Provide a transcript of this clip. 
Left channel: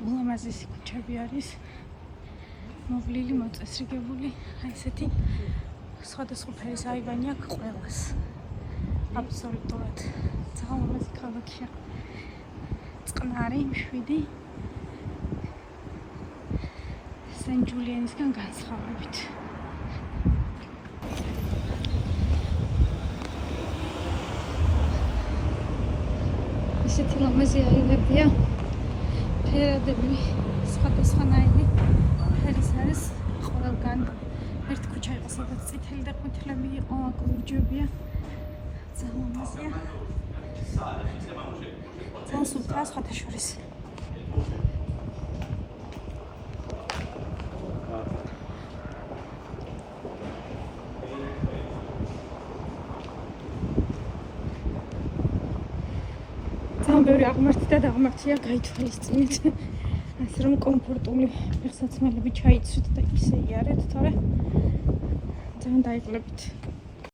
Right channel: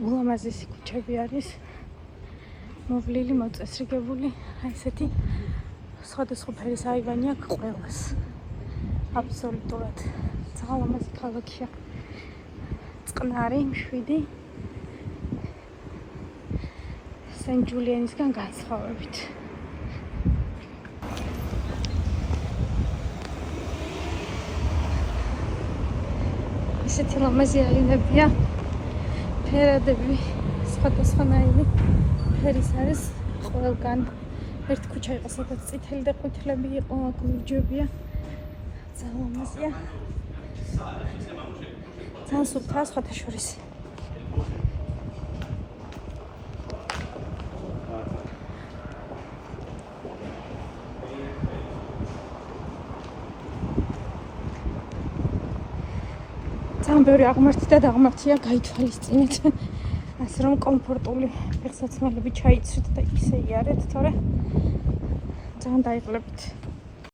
ულამაზესი ქუჩები არის. მოვლილი, მოწესრიგებული, ესეთი სხვადასხვა ფერის აივანი აქვს ყველას. აბსოლუტურად. ძალიან ლამაზი ქალაქია. წყნარი, მშვიდი. სენ ჯულიანისგან განსხვავებით. ესეთი ლამაზი აივებია. ფერადები სხვადასხვანაირი ფერის არის ყველგან. ერთ ქუჩა იყო, სადაც წითელი და ყვითლები იყო, აქ ლურჯებია. ძალიან ლამაზია. ძალიან სუფთაა სხვათა შორის. ძალიან ბევრი აღმართი და დაღმართია გაითვალისწინეთ. ასე რომ კომფორტული ფეხსაცმელები ჩაიცრით და ისე იარეთ, თორე ძალიან დაიღლებით.